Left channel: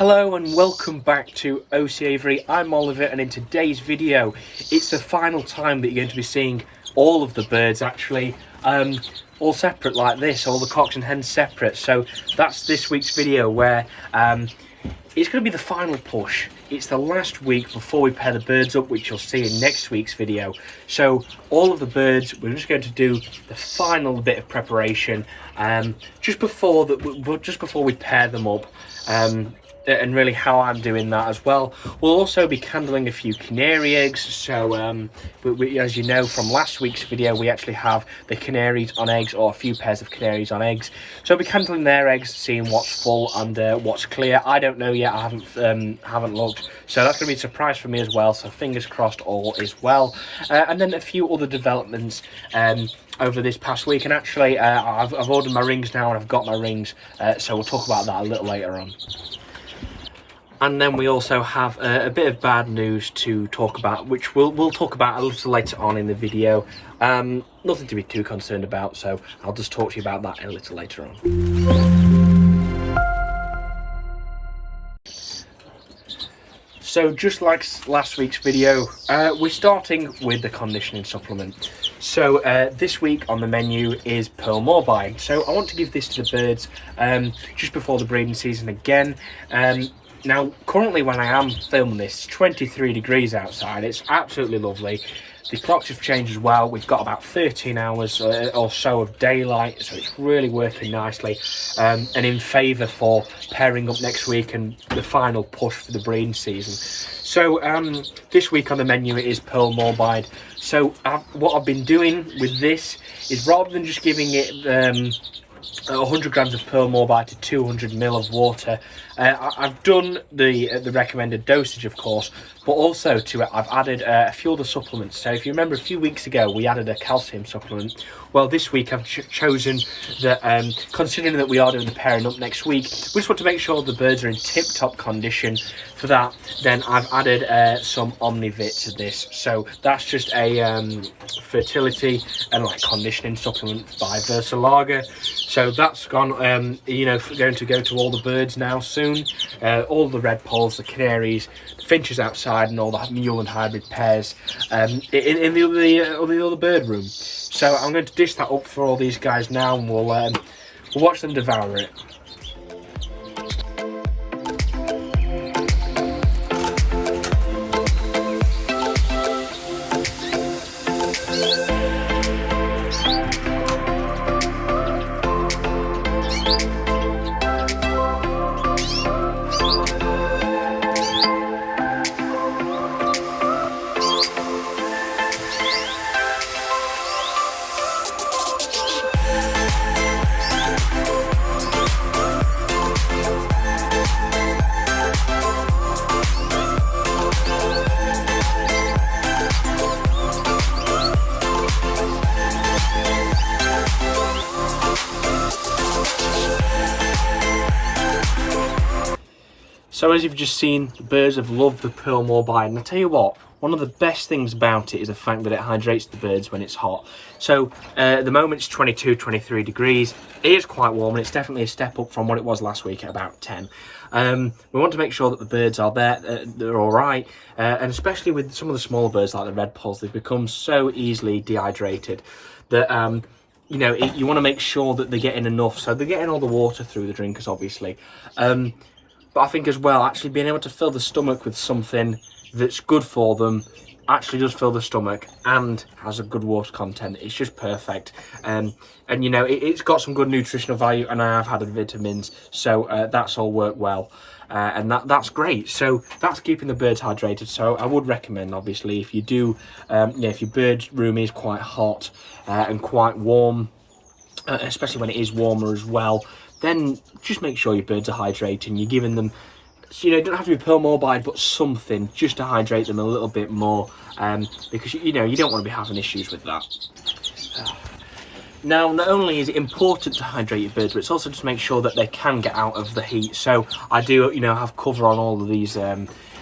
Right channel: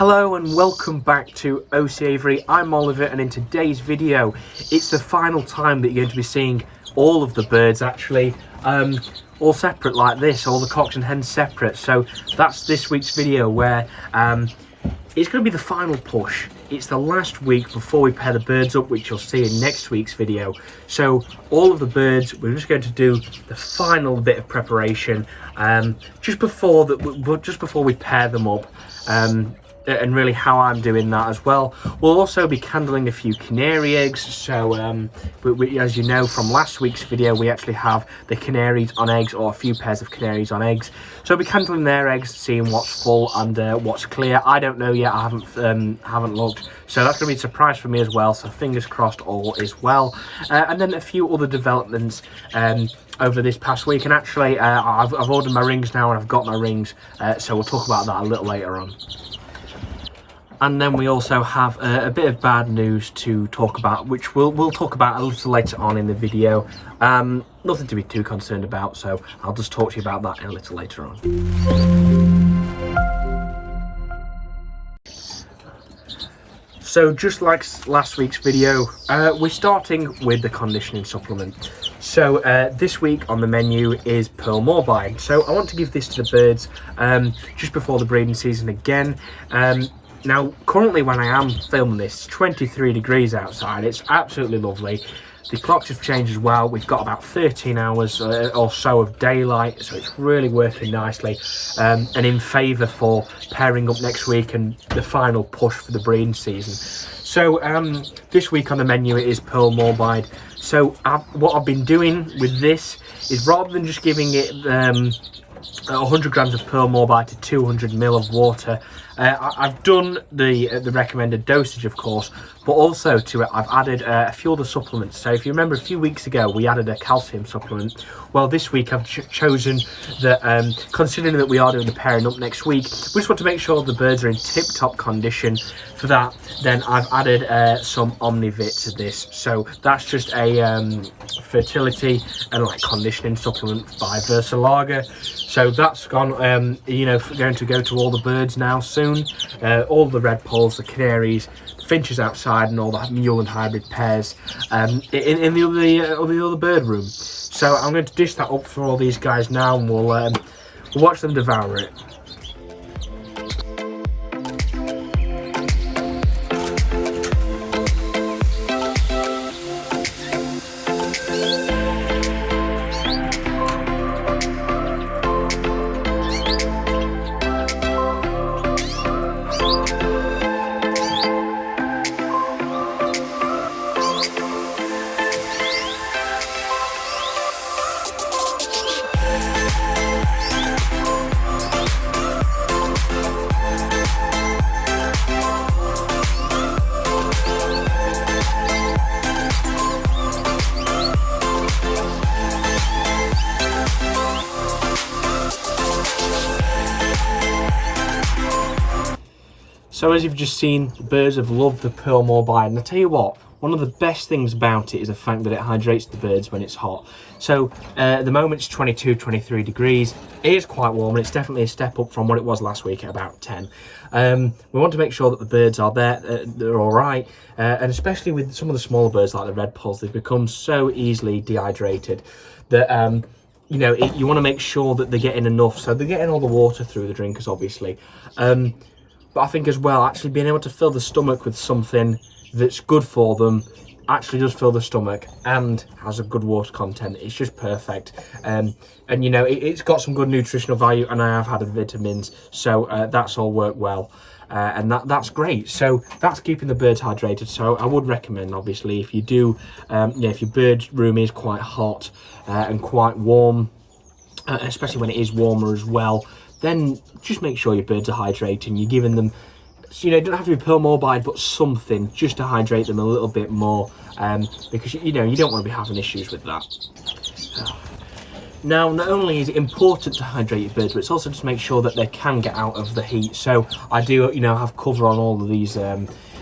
Hello and welcome back to OC Avery. I'm Oliver, and in today's video it's the final time that you're going to be seeing all of the birds actually all separate like this, all the cocks and hens separate. So that's this week's video where it's going to be the final push. It's the last week before we pair the birds up, which you'll see in next week's video. So all of the birds, we're just going to do the final bit of preparation just before we pair them up. And really how I'm doing that as well. We'll also be candling a few canary eggs. So as you know from last week's video, we actually have the canaries on eggs, or a few pairs of canaries on eggs. So I'll be candling their eggs, seeing what's full and what's clear. I don't know yet, I haven't looked. So that's going to be a surprise for me as well. So fingers crossed all is well. And then a few other developments over this past week. And actually I've ordered my rings now, and I've got my rings. So we'll talk about that a little later on. And then we also have a bit of bad news to talk about, which we'll talk about a little later on in the video. Nothing to be too concerned about, so I'll just talk to you about that a little later on. So just like last week's video, we're starting with the conditioning supplement. So this week on the menu is Pearl Morbide. So I want to give this to the birds just before the breeding season again. Now, currently when I am filming this, it's 23 degrees outside. It's absolutely lovely. The clocks have changed as well. We've got about 13 hours or so of daylight, so it's really working nicely and in favour for pairing up next week and the final push for the breeding season. So this week on the menu it is Pearl Morbide. So what I've been doing with this is, rather than just giving it 100 grams of Pearl Morbide to 200 ml of water, I've done the recommended dosage, of course, but also to it I've added a few other supplements. So if you remember, a few weeks ago we added a calcium supplement. Well, this week I've chosen that, considering that we are doing the pairing up next week, we just want to make sure the birds are in tip-top condition. For that, then I've added some Omnivit to this. So that's just a fertility and conditioning supplement by Versalaga. So that's gone, going to go to all the birds now soon. All the red polls, the canaries, the finches outside, and all the mule and hybrid pairs in the other bird room. So I'm going to dish that up for all these guys now, and we'll watch them devour it. So as you've just seen, the birds have loved the Pearl Morbide, and I tell you what, one of the best things about it is the fact that it hydrates the birds when it's hot. So at the moment it's 22, 23 degrees. It is quite warm, and it's definitely a step up from what it was last week at about 10. We want to make sure that the birds are there, they're all right, and especially with some of the small birds like the red polls, they've become so easily dehydrated that you want to make sure that they're getting enough. So they're getting all the water through the drinkers, obviously. But I think as well, actually being able to fill the stomach with something that's good for them, actually does fill the stomach and has a good water content. It's just perfect. And it's got some good nutritional value, and I have had the vitamins, so that's all worked well. And that's great. So that's keeping the birds hydrated. So I would recommend, obviously, if you do, if your bird's room is quite hot and quite warm, especially when it is warmer as well, then just make sure your birds are hydrating. You're giving them, it doesn't have to be Pearl Morbide, but something just to hydrate them a little bit more, because you don't want to be having issues with that. Now, not only is it important to hydrate your birds, but it's also just to make sure that they can get out of the heat. So I do, have cover on all of these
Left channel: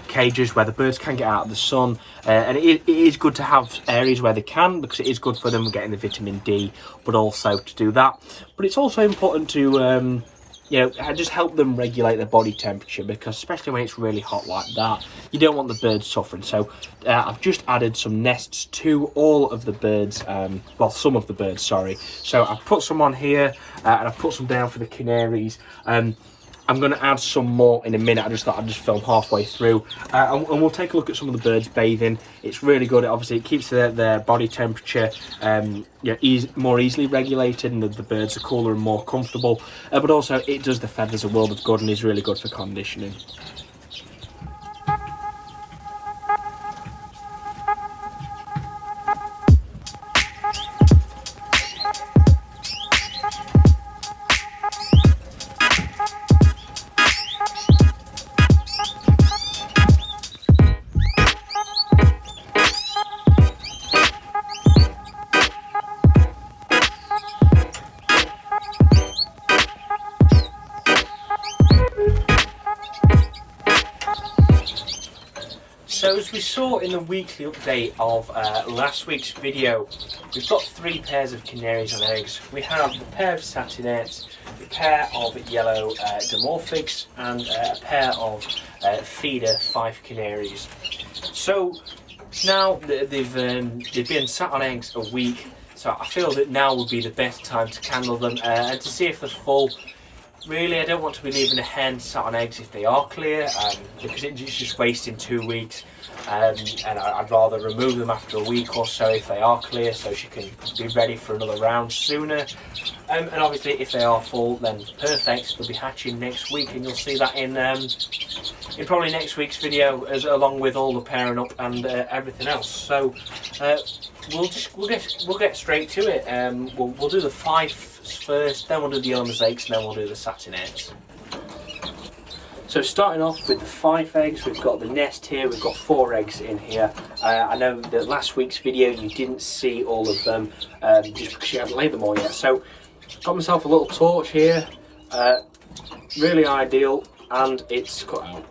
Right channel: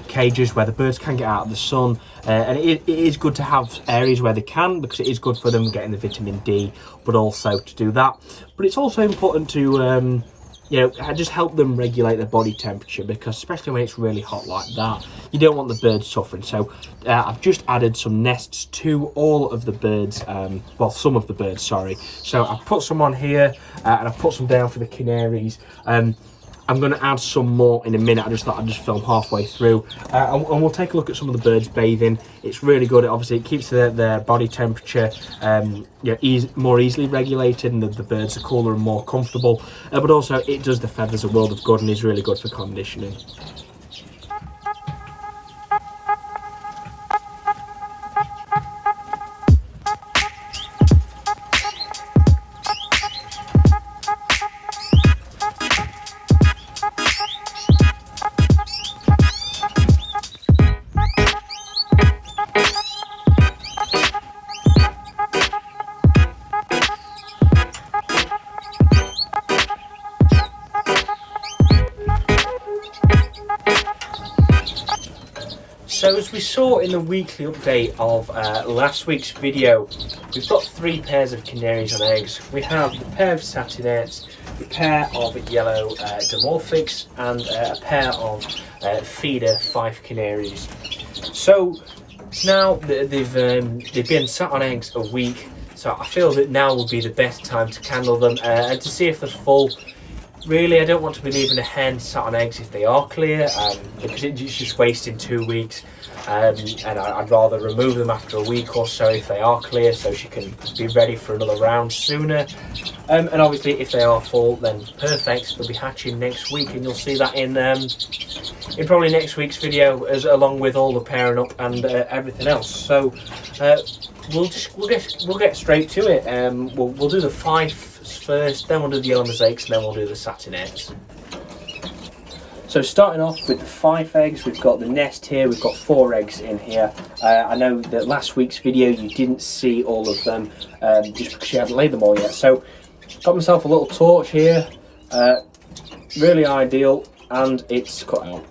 cages where the birds can get out of the sun, and it is good to have areas where they can, because it is good for them getting the vitamin D, but also to do that. But it's also important to just help them regulate their body temperature, because especially when it's really hot like that, you don't want the birds suffering. So I've just added some nests to all of the birds, well, some of the birds, sorry. So I've put some on here, and I've put some down for the canaries. I'm going to add some more in a minute. I just thought I'd just film halfway through, and we'll take a look at some of the birds bathing. It's really good. Obviously, it keeps their body temperature more easily regulated, and the birds are cooler and more comfortable. But also, it does the feathers a world of good, and is really good for conditioning. So as we saw in the weekly update of last week's video, we've got 3 pairs of canaries on eggs. We have the pair of satinets, a pair of yellow dimorphics, and a pair of feeder fife canaries. So now they've been sat on eggs a week, so I feel that now would be the best time to candle them and to see if they're full. Really, I don't want to be leaving a hen sat on eggs if they are clear, because it's just wasting 2 weeks, and I'd rather remove them after a week or so if they are clear, so she can be ready for another round sooner. And obviously, if they are full, then perfect. They'll be hatching next week, and you'll see that in probably next week's video, along with all the pairing up and everything else. So we'll get straight to it. We'll do the fife first, then we'll do the yellow mosaics, and then we'll do the satinets. So starting off with the 5 eggs, we've got the nest here. We've got 4 eggs in here. I know that last week's video you didn't see all of them just because you hadn't laid them all yet. So got myself a little torch here, really ideal, and it's cut out.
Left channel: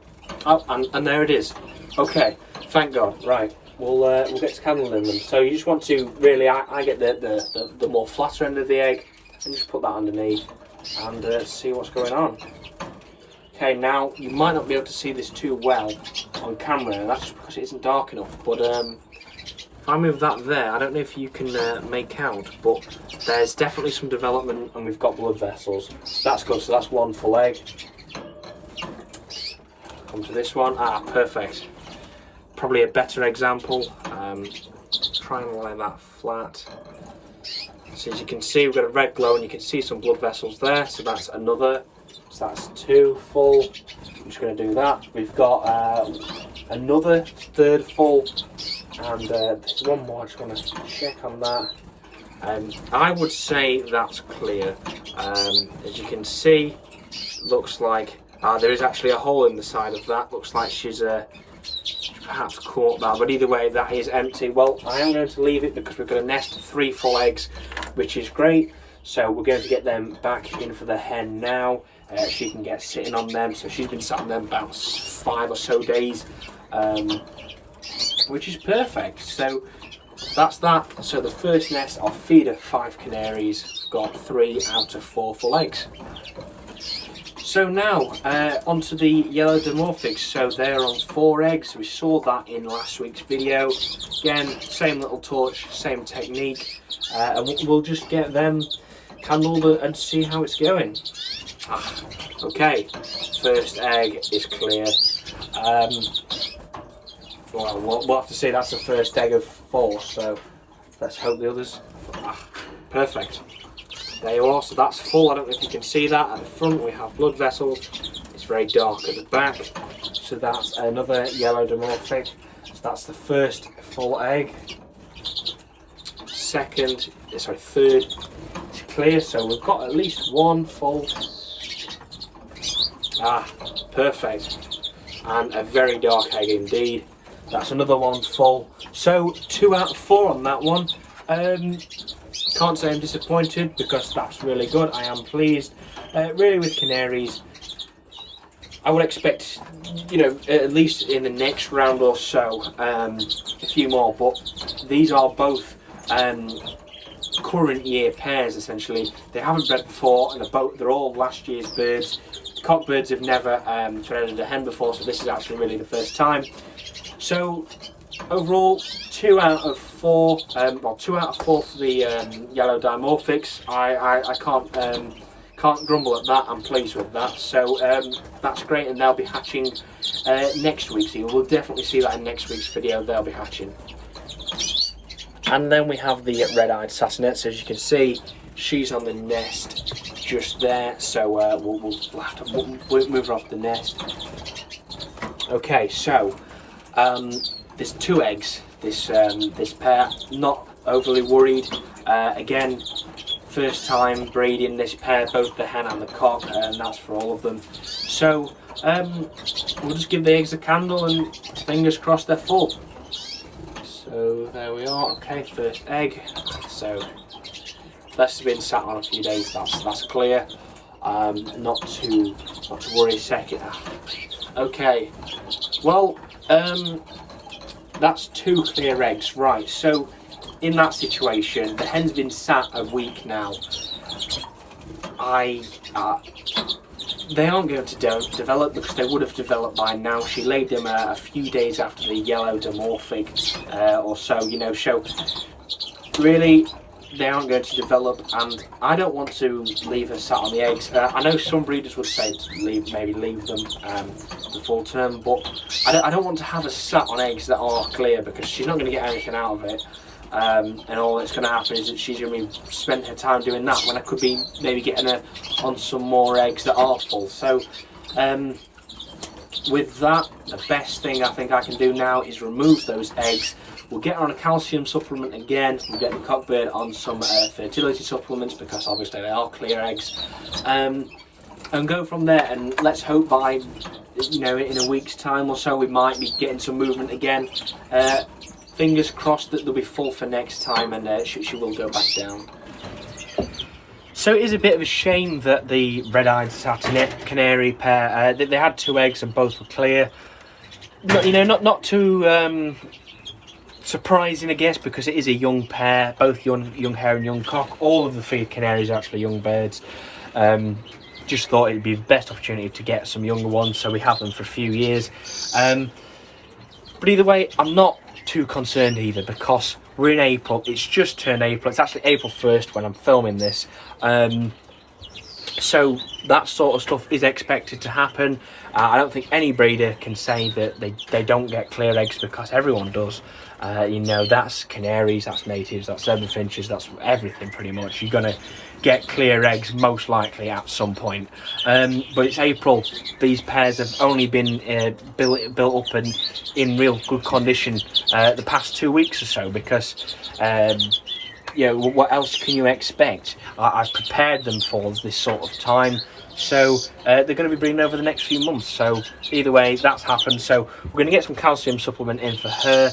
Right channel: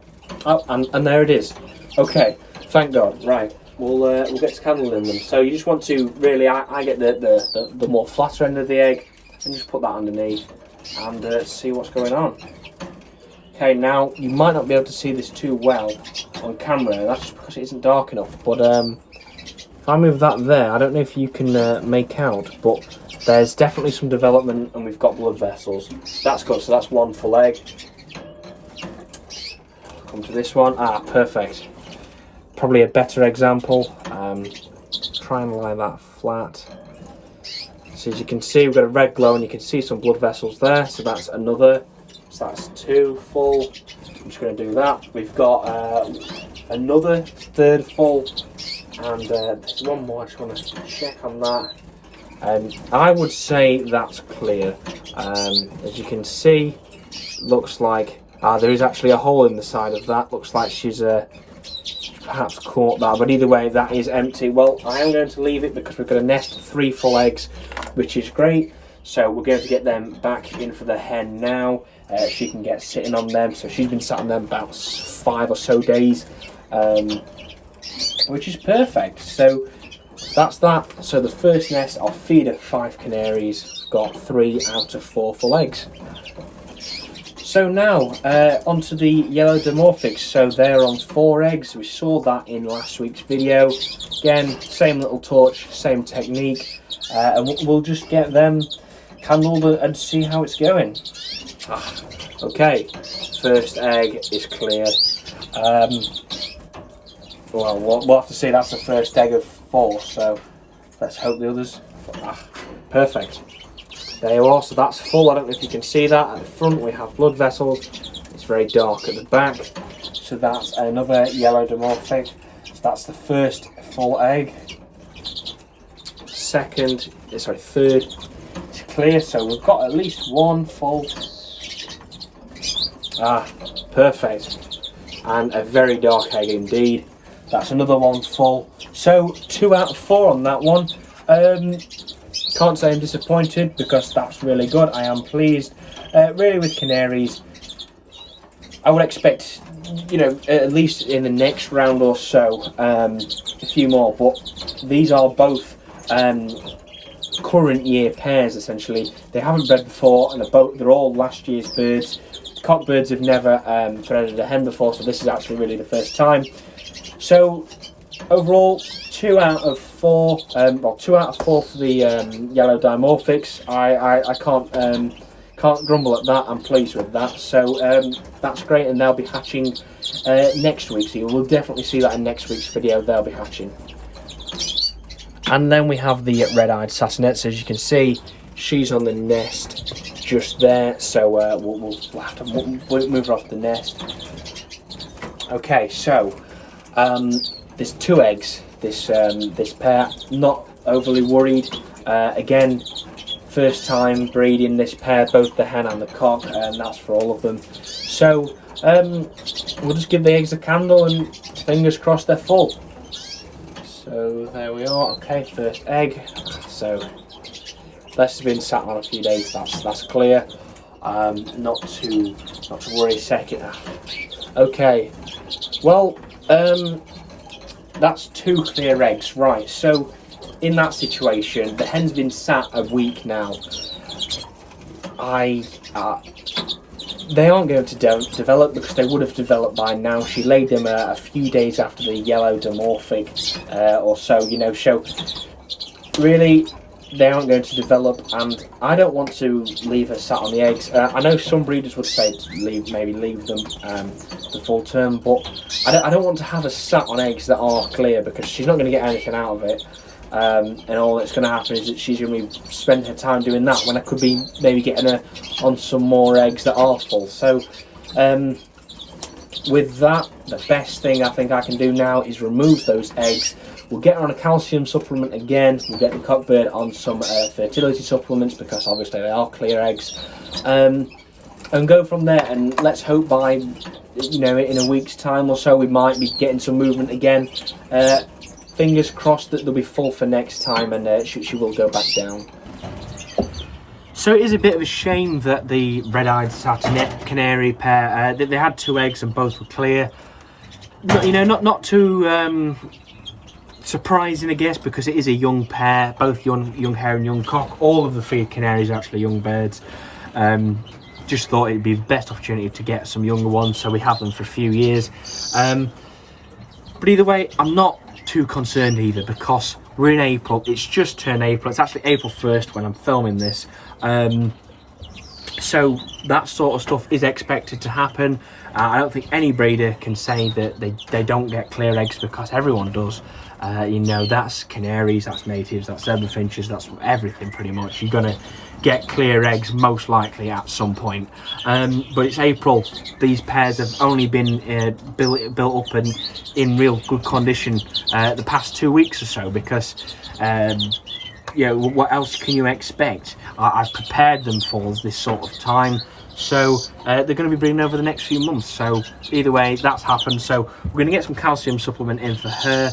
Oh, and there it is. Okay, thank God. Right, we'll get to candling them. So you just want to really, I get the more flatter end of the egg, and just put that underneath and see what's going on. Okay, now you might not be able to see this too well on camera. That's just because it isn't dark enough. But if I move that there, I don't know if you can make out, but there's definitely some development, and we've got blood vessels. That's good. So that's 1 full egg. Come to this one. Ah, perfect. Probably a better example. Try and lie that flat. So as you can see, we've got a red glow, and you can see some blood vessels there. So that's another. So that's 2 full. I'm just going to do that. We've got another 3rd full, and there's one more. I just want to check on that. I would say that's clear. As you can see, looks like there is actually a hole in the side of that. Looks like she's perhaps caught that, but either way, that is empty. Well, I am going to leave it because we've got a nest of 3 full eggs, which is great. So we're going to get them back in for the hen now. She can get sitting on them. So she's been sat on them about 5 or so days, which is perfect. So that's that. So the first nest, I'll feed her 5 canaries, got 3 out of 4 full eggs. So now onto the yellow dimorphics. So they're on 4 eggs. We saw that in last week's video. Again, same little torch, same technique, and we'll just get them candled and see how it's going. Okay, first egg is clear. Well, we'll have to see. That's the first egg of 4, so let's hope the others. Perfect. There you are. So that's full. I don't know if you can see that. At the front we have blood vessels. It's very dark at the back. So that's another yellow dimorphic. So that's the first full egg. Third is clear. So we've got at least 1 full. Perfect. And a very dark egg indeed. That's another 1 full. So 2 out of 4 on that one. Can't say I'm disappointed because that's really good. I am pleased. Really, with canaries, I would expect, at least in the next round or so, a few more. But these are both current year pairs essentially. They haven't bred before, and they're all last year's birds. Cockbirds have never threaded a hen before, so this is actually really the first time. So overall, 2 out of 4. Well, 2 out of 4 for the yellow dimorphics. I can't grumble at that. I'm pleased with that. So that's great, and they'll be hatching next week. So you'll definitely see that in next week's video. They'll be hatching. And then we have the red-eyed satinets. As you can see, she's on the nest just there. So we'll have to move her off the nest. Okay, so there's 2 eggs. This pair. Not overly worried. Again, first time breeding this pair, both the hen and the cock, and that's for all of them. So we'll just give the eggs a candle and fingers crossed they're full. So there we are. Okay, first egg. So this has been sat on a few days. That's clear. Not to worry. Second. Okay. Well, that's 2 clear eggs, right? So in that situation, the hen's been sat a week now. They aren't going to develop because they would have developed by now. She laid them a few days after the yellow dimorphic or so, you know. So really, they aren't going to develop, and I don't want to leave her sat on the eggs. I know some breeders would say to maybe leave them the full term, but I don't want to have her sat on eggs that are clear because she's not going to get anything out of it. And all that's going to happen is that she's going to be spending her time doing that when I could be maybe getting her on some more eggs that are full. So with that, the best thing I think I can do now is remove those eggs. We'll get her on a calcium supplement again. We'll get the cockbird on some fertility supplements because obviously they are clear eggs, and go from there. And let's hope by, you know, in a week's time or so we might be getting some movement again. Fingers crossed that they'll be full for next time, and she will go back down. So it is a bit of a shame that the red-eyed satinet canary pair, they had 2 eggs and both were clear. Not too surprising, I guess, because it is a young pair, both young hare and young cock. All of the feed canaries are actually young birds. Just thought it'd be the best opportunity to get some younger ones, so we have them for a few years. But either way, I'm not too concerned either because we're in April. It's just turned April. It's actually April 1st when I'm filming this. So that sort of stuff is expected to happen. I don't think any breeder can say that they don't get clear eggs because everyone does. You know, that's canaries, that's natives, that's zebra finches, that's everything pretty much. You're gonna get clear eggs most likely at some point. But it's April. These pairs have only been built up and in real good condition the past 2 weeks or so because yeah, what else can you expect? I've prepared them for this sort of time. So they're going to be breeding over the next few months. So either way, that's happened. So we're going to get some calcium supplement in for her,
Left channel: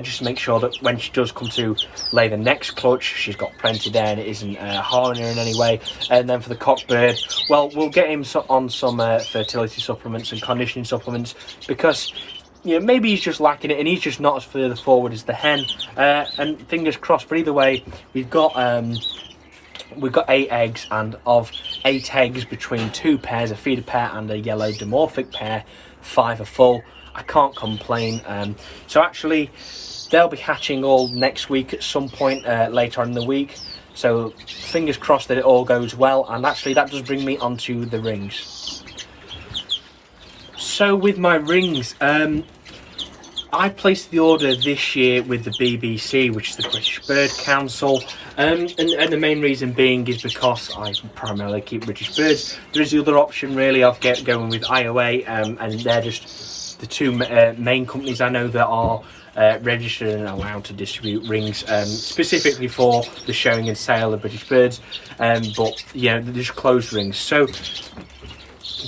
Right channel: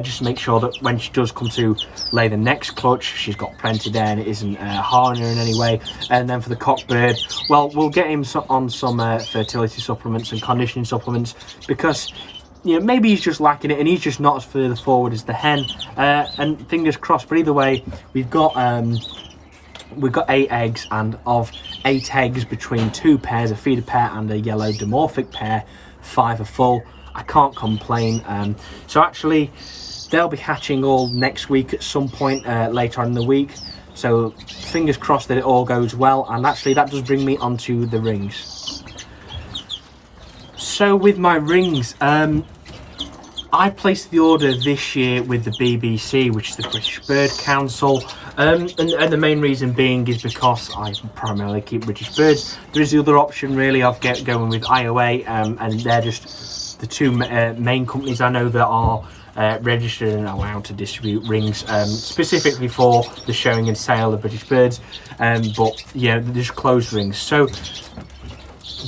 just to make sure that when she does come to lay the next clutch, she's got plenty there and it isn't harming her in any way. And then for the cockbird, well, we'll get him on some fertility supplements and conditioning supplements because, you know, maybe he's just lacking it and he's just not as further forward as the hen. And fingers crossed. But either way, we've got 8 eggs, and of 8 eggs between 2 pairs, a feeder pair and a yellow dimorphic pair, 5 are full. I can't complain. So actually, they'll be hatching all next week at some point later on in the week. So fingers crossed that it all goes well. And actually, that does bring me onto the rings. So with my rings, I placed the order this year with the BBC, which is the British Bird Council, and the main reason being is because I primarily keep British birds. There is the other option really of going with IOA, and they're just the 2 main companies I know that are registered and allowed to distribute rings, specifically for the showing and sale of British birds, but yeah, they're just closed rings. So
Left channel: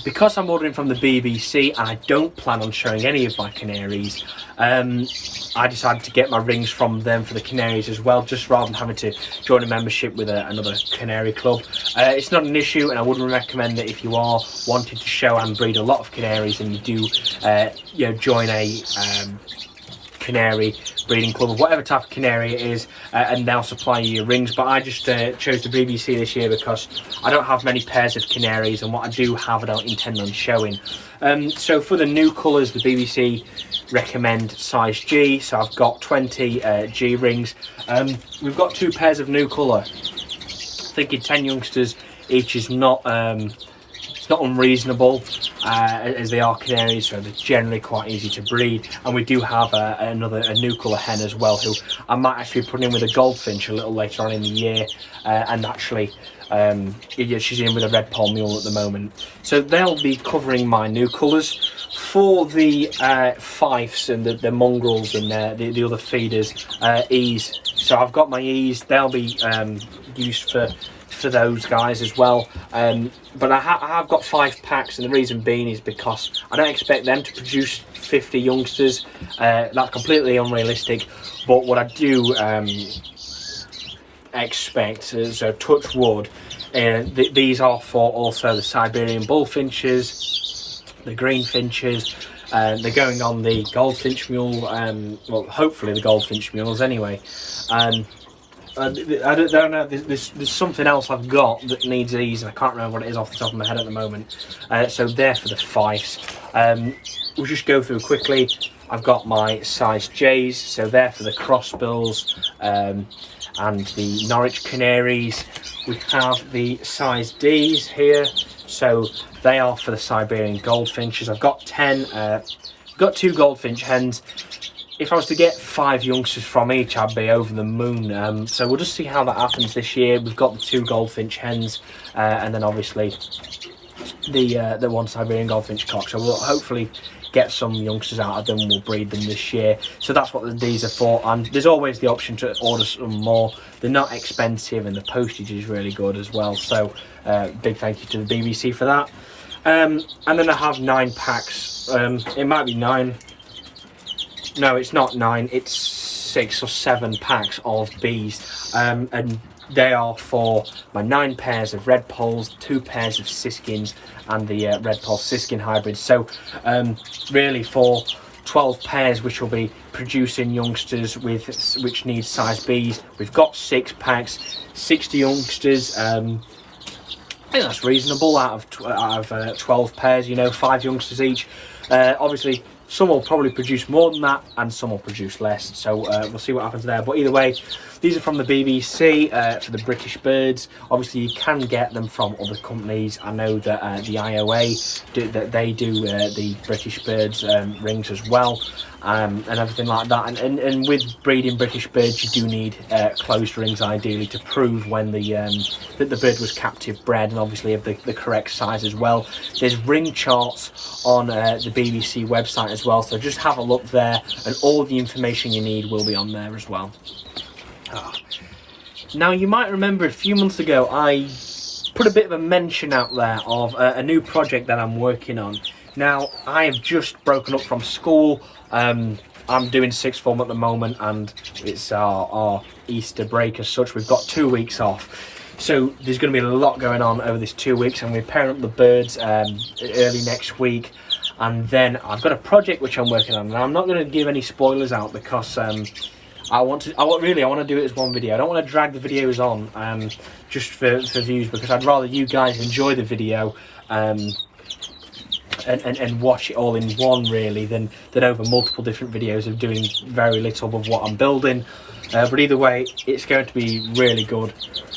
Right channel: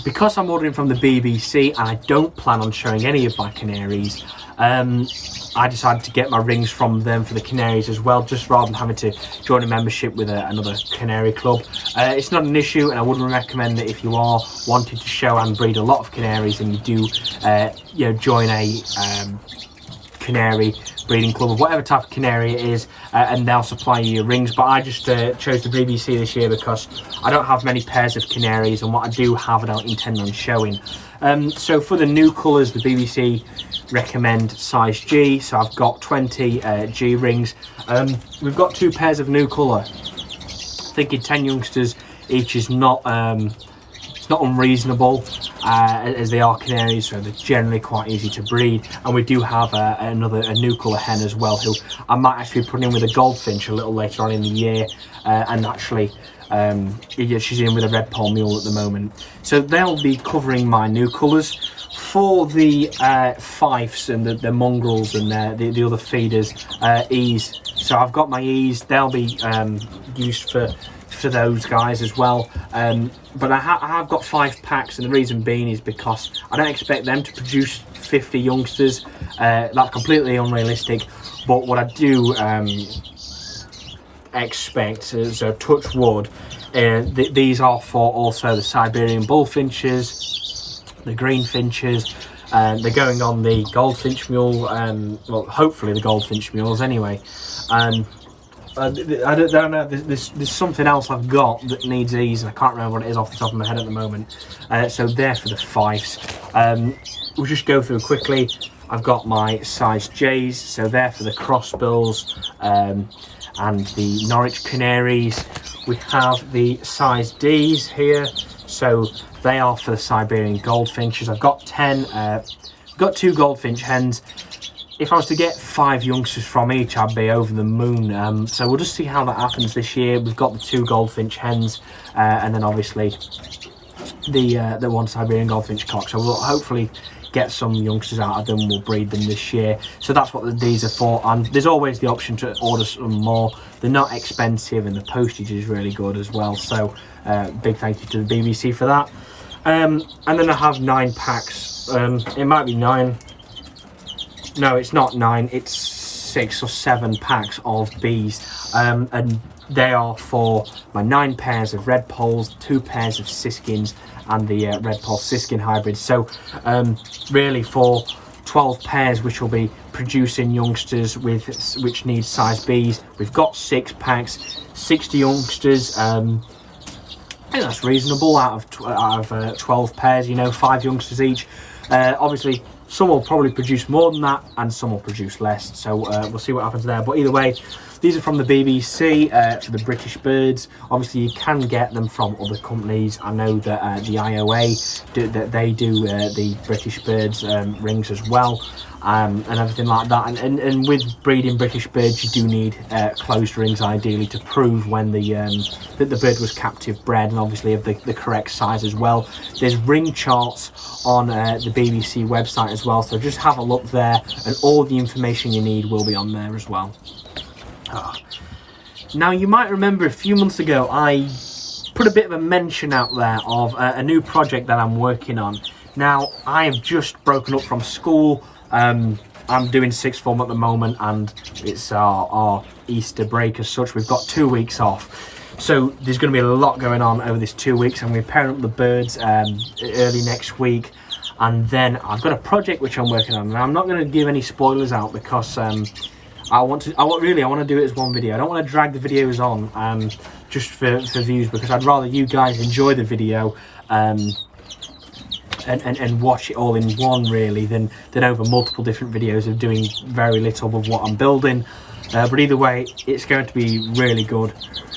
because I'm ordering from the BBC and I don't plan on showing any of my canaries, I decided to get my rings from them for the canaries as well, just rather than having to join a membership with another canary club. It's not an issue, and I wouldn't recommend that if you are wanting to show and breed a lot of canaries and you do you know, join a canary breeding club of whatever type of canary it is, and they'll supply you your rings. But I just chose the BBC this year because I don't have many pairs of canaries, and what I do have I don't intend on showing. So for the new colours, the BBC recommend size G, so I've got 20 G rings. We've got 2 pairs of new colour. Thinking 10 youngsters each is not it's not unreasonable, as they are canaries, so they're generally quite easy to breed. And we do have a new colour hen as well, who I might actually put in with a goldfinch a little later on in the year, and actually she's in with a red poll mule at the moment. So they'll be covering my new colours. For the fifes and the mongrels and the other feeders, E's. So I've got my E's. They'll be used for those guys as well. But I have got 5 packs, and the reason being is because I don't expect them to produce 50 youngsters. That's completely unrealistic. But what I do expect, so touch wood, these are for also the Siberian bullfinches, the green finches. They're going on the goldfinch mule, well, hopefully the goldfinch mules anyway. I don't know, there's something else I've got that needs these, and I can't remember what it is off the top of my head at the moment. So they're for the fifes. We'll just go through quickly. I've got my size J's, so they're for the crossbills and the Norwich canaries. We have the size D's here, so they are for the Siberian goldfinches. I've got 10, got 2 goldfinch hens. If I was to get 5 youngsters from each, I'd be over the moon. So we'll just see how that happens this year. We've got the 2 goldfinch hens, and then obviously the 1 Siberian goldfinch cock. So we'll hopefully get some youngsters out of them. We'll breed them this year. So that's what these are for. And there's always the option to order some more. They're not expensive, and the postage is really good as well. So big thank you to the BBC for that. And then I have 9 packs. It might be 9. No, it's not 9, it's 6 or 7 packs of bees, and they are for my 9 pairs of red polls, 2 pairs of siskins, and the red poll siskin hybrid. So really for 12 pairs which will be producing youngsters which need size Bs, we've got 6 packs, 60 youngsters. I think that's reasonable out of 12 pairs, you know, 5 youngsters each. Obviously some will probably produce more than that, and some will produce less, so we'll see what happens there. But either way, these are from the BBC for the British birds. Obviously you can get them from other companies. I know that the IOA they do the British birds rings as well, and everything like that. And with breeding British birds, you do need closed rings ideally to prove when that the bird was captive bred, and obviously of the correct size as well. There's ring charts on the BBC website as well, so just have a look there, and all the information you need will be on there as well. Now you might remember a few months ago I put a bit of a mention out there of a new project that I'm working on. Now I have just broken up from school. I'm doing 6th form at the moment, and it's our Easter break as such. We've got 2 weeks off, so there's going to be a lot going on over this 2 weeks, and we're pairing up the birds early next week. And then I've got a project which I'm working on, and I'm not going to give any spoilers out because I want to do it as one video. I don't want to drag the videos on just for views, because I'd rather you guys enjoy the video and watch it all in one, really, than over multiple different videos of doing very little of what I'm building. But either way, it's going to be really good.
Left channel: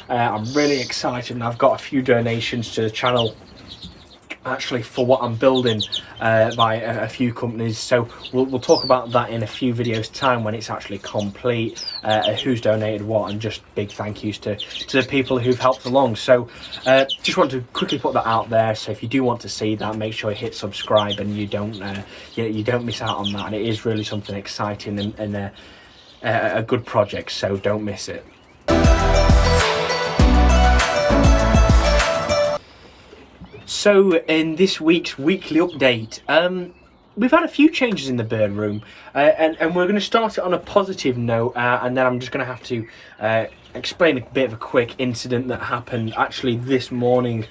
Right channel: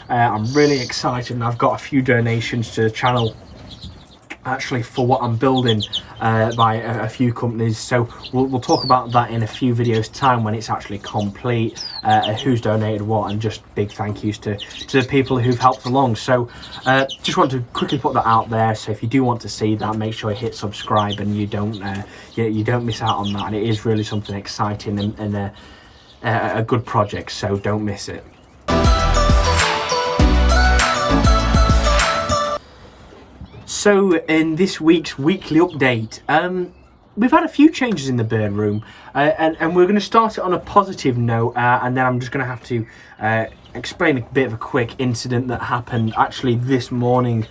I'm really excited, and I've got a few donations to the channel actually for what I'm building by a few companies, so we'll talk about that in a few videos time when it's actually complete, who's donated what, and just big thank yous to the people who've helped along. So just want to quickly put that out there, so if you do want to see that, make sure you hit subscribe and you don't miss out on that. And it is really something exciting and a good project, so don't miss it. So in this week's weekly update, we've had a few changes in the bird room, and we're going to start it on a positive note, and then I'm just going to have to explain a bit of a quick incident that happened actually this morning,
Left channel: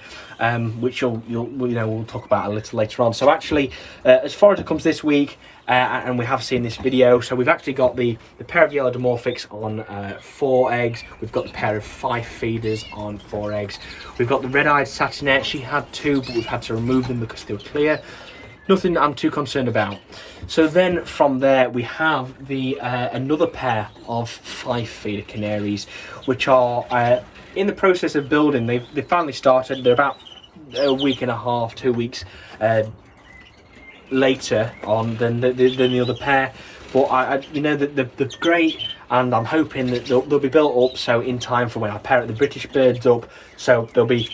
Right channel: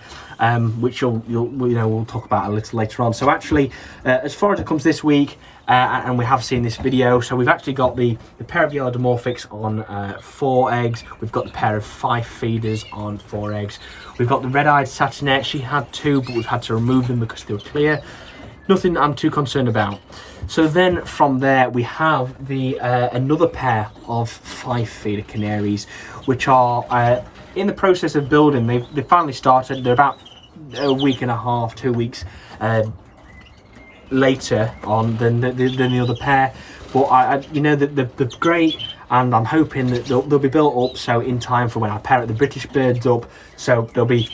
which we'll talk about a little later on. So actually, as far as it comes this week, and we have seen this video, so we've actually got the pair of yellow dimorphics on 4 eggs. We've got the pair of 5 feeders on 4 eggs. We've got the red-eyed satinette. She had 2, but we've had to remove them because they were clear. Nothing that I'm too concerned about. So then from there we have the another pair of 5 feeder canaries, which are in the process of building. They finally started. They're about a week and a half, 2 weeks later on than the other pair, but they're great, and I'm hoping that they'll be built up so in time for when I pair the British birds up, so they'll be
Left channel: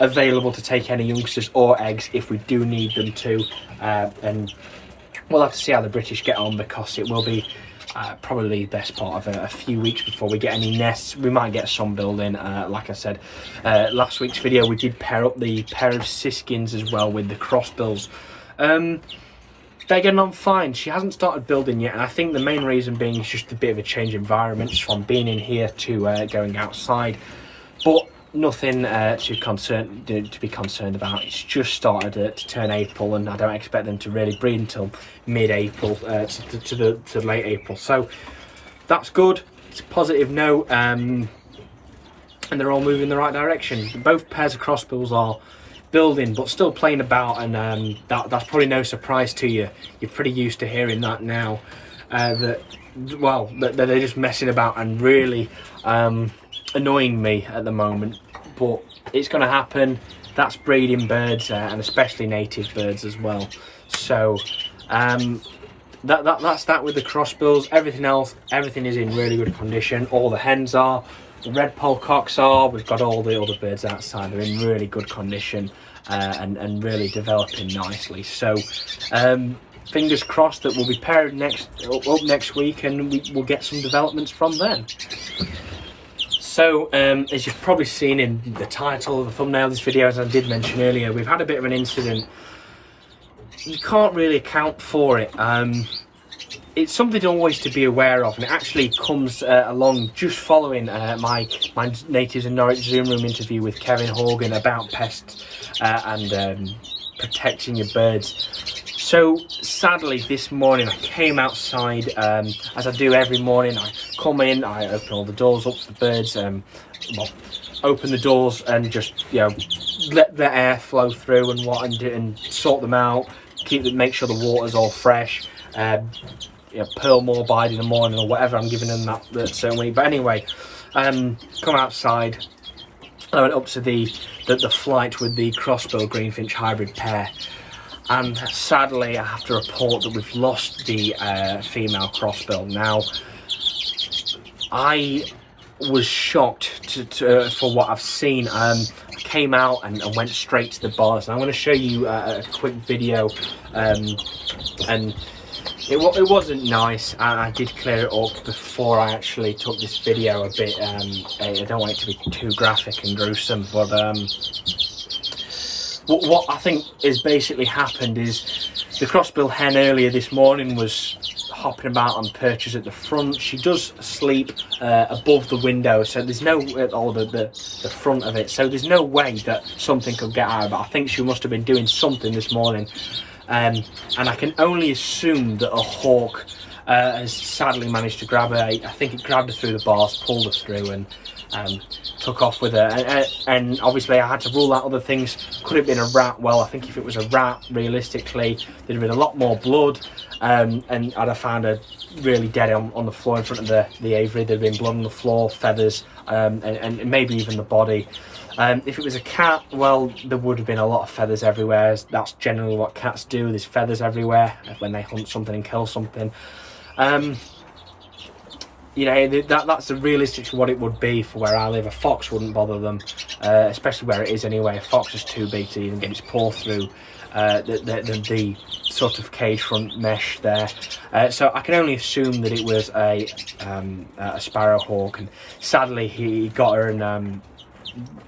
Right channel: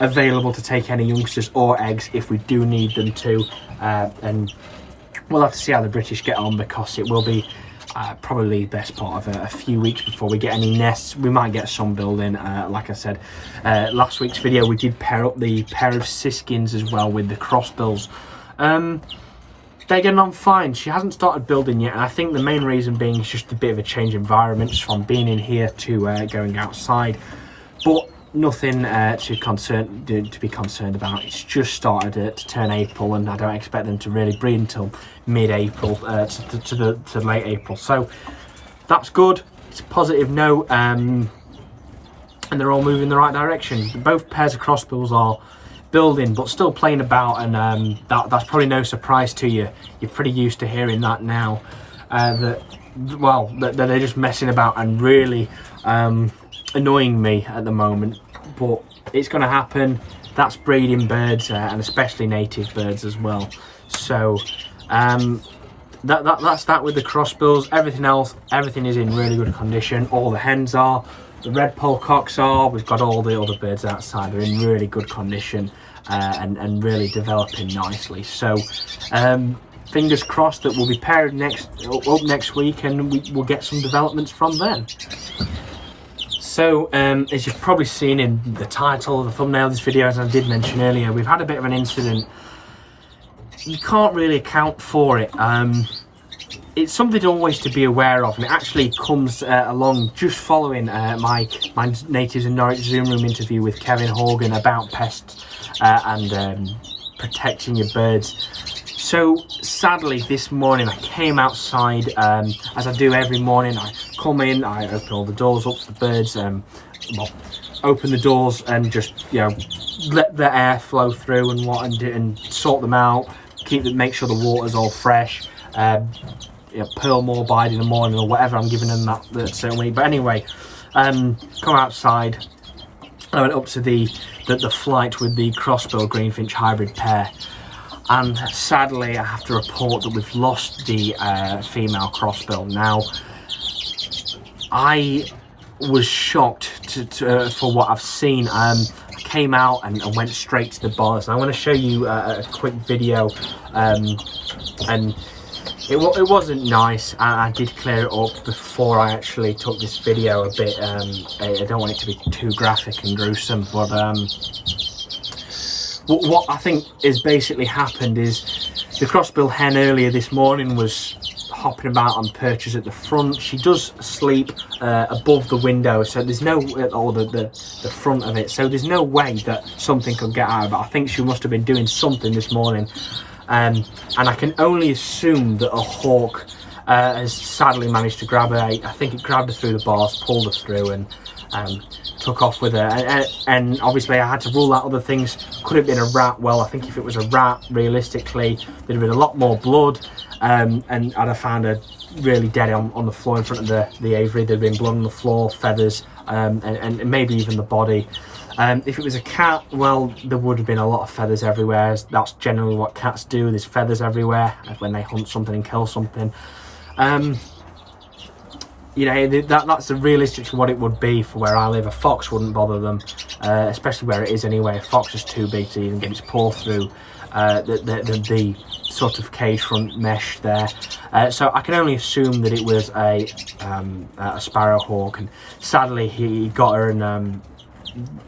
available to take any youngsters or eggs if we do need them to, and we'll have to see how the British get on, because it will be probably the best part of a few weeks before we get any nests. We might get some building. Like I said, last week's video we did pair up the pair of siskins as well with the crossbills. They're getting on fine. She hasn't started building yet, and I think the main reason being is just a bit of a change in environment from being in here to going outside, but nothing to be concerned about. It's just started to turn April, and I don't expect them to really breed until mid-April to late April, so that's good. It's a positive note, and they're all moving in the right direction. Both pairs of crossbills are building but still playing about, and that's probably no surprise to you. You're pretty used to hearing that now, that they're just messing about and really annoying me at the moment, but it's going to happen. That's breeding birds, and especially native birds as well. So that's that with the crossbills. Everything else, everything is in really good condition. All the hens are, the red polecocks are, we've got all the other birds outside. They're in really good condition, and really developing nicely. So fingers crossed that we'll be paired up next week, and we'll get some developments from then. So as you've probably seen in the title of the thumbnail of this video, as I did mention earlier, we've had a bit of an incident. You can't really account for it. It's something always to be aware of, and it actually comes along just following my Natives in Norwich Zoom room interview with Kevin Horgan about pests and protecting your birds. So sadly this morning I came outside, as I do every morning. I come in, I open all the doors up for the birds, open the doors and just let the air flow through and sort them out, make sure the water's all fresh, pearl more bide in the morning or whatever I'm giving them that certain week. But anyway, come outside. I went up to the flight with the crossbill greenfinch hybrid pair, and sadly I have to report that we've lost the female crossbill. Now, I was shocked for what I've seen. I came out and went straight to the bars, and I want to show you a quick video, and it wasn't nice. I did clear it up before I actually took this video a bit. I don't want it to be too graphic and gruesome, but what I think is basically happened is the crossbill hen earlier this morning was hopping about on perches at the front. She does sleep above the window, so there's no, or the front of it, so there's no way that something could get out of it. I think she must have been doing something this morning. And I can only assume that a hawk has sadly managed to grab her. I think it grabbed her through the bars, pulled her through, and took off with her. And obviously I had to rule out other things. Could have been a rat. Well, I think if it was a rat, realistically, there'd have been a lot more blood, and I'd have found her really dead on the floor in front of the aviary. There'd been blood on the floor, feathers, and maybe even the body. If it was a cat, well, there would have been a lot of feathers everywhere. That's generally what cats do. There's feathers everywhere when they hunt something and kill something. That's realistically what it would be for where I live. A fox wouldn't bother them, especially where it is anyway. A fox is too big to even get its paw through the sort of cage front mesh there. So I can only assume that it was a sparrowhawk, and sadly he got her, and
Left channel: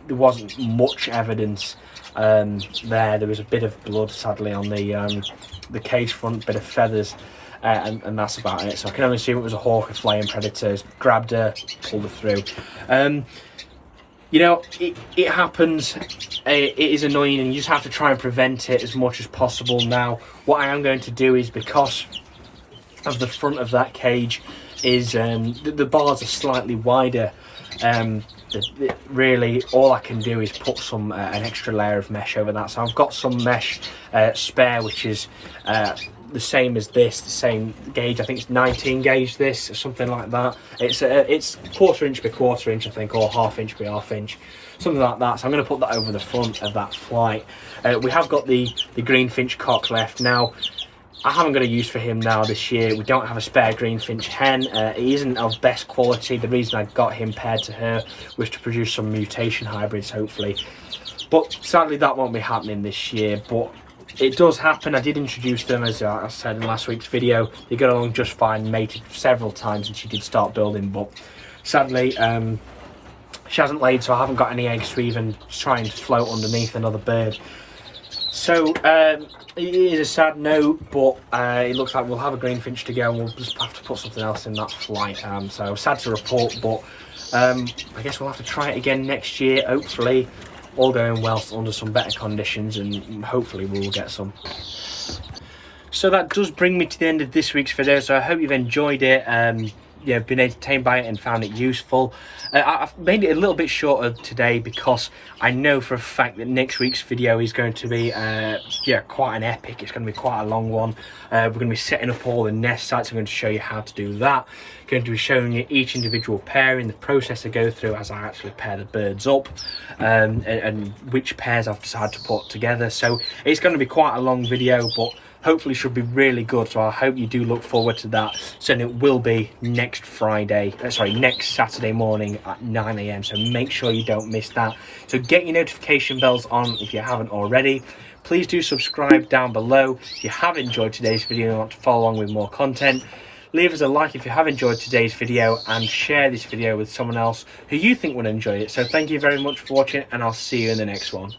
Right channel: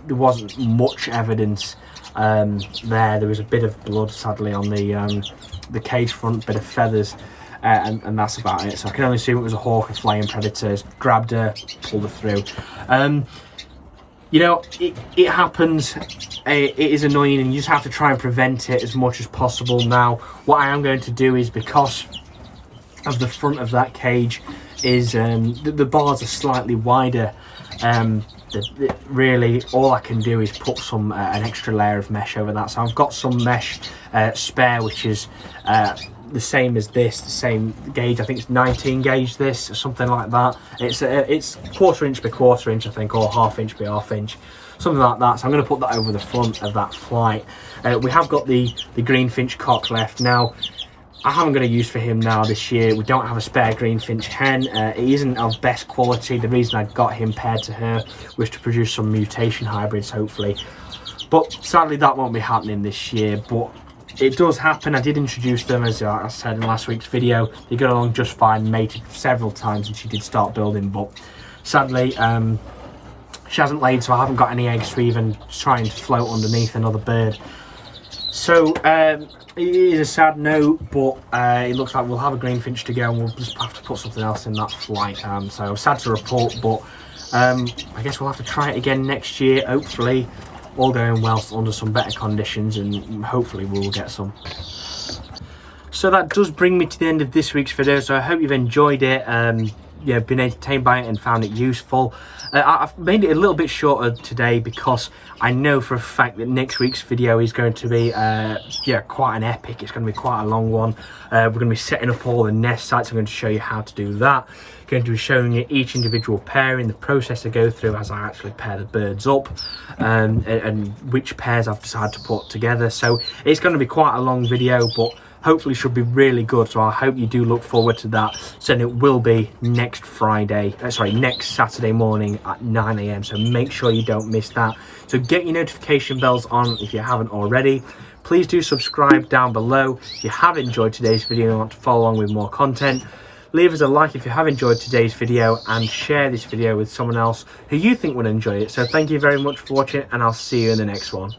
there wasn't much evidence there. There was a bit of blood sadly on the cage front, bit of feathers. and that's about it. So I can only assume it was a hawk or flying predators. Grabbed her, pulled her through. You know, it happens. It is annoying, and you just have to try and prevent it as much as possible. Now, what I am going to do is, because of the front of that cage, is the bars are slightly wider. Really, all I can do is put some an extra layer of mesh over that. So I've got some mesh spare, which is the same as this, the same gauge. I think it's 19 gauge, this, or something like that. It's 1/4 inch by 1/4 inch, I think, or 1/2 inch by 1/2 inch, something like that. So I'm going to put that over the front of that flight. We have got the greenfinch cock left. Now, I haven't got a use for him now this year. We don't have a spare greenfinch hen. He isn't of best quality. The reason I got him paired to her was to produce some mutation hybrids, hopefully. But sadly, that won't be happening this year. But it does happen. I did introduce them, as I said in last week's video. They got along just fine, mated several times, and she did start building. But sadly, she hasn't laid, so I haven't got any eggs to even try and float underneath another bird. So it is a sad note, but it looks like we'll have a greenfinch to go, and we'll just have to put something else in that flight. So sad to report, but I guess we'll have to try it again next year, hopefully all going well under some better conditions, and hopefully we'll get some. So that does bring me to the end of this week's video. So I hope you've enjoyed it, yeah, been entertained by it and found it useful. I've made it a little bit shorter today because I know for a fact that next week's video is going to be yeah, quite an epic. It's going to be quite a long one. We're going to be setting up all the nest sites. I'm going to show you how to do that. Going to be showing you each individual pairing, the process I go through as I actually pair the birds up, and which pairs I've decided to put together. So it's going to be quite a long video, but hopefully should be really good. So I hope you do look forward to that. So it will be next next Saturday morning at 9 AM. So make sure you don't miss that. So get your notification bells on if you haven't already. Please do subscribe down below if you have enjoyed today's video and want to follow along with more content. Leave us a like if you have enjoyed today's video, and share this video with someone else who you think would enjoy it. So thank you very much for watching, and I'll see you in the next one.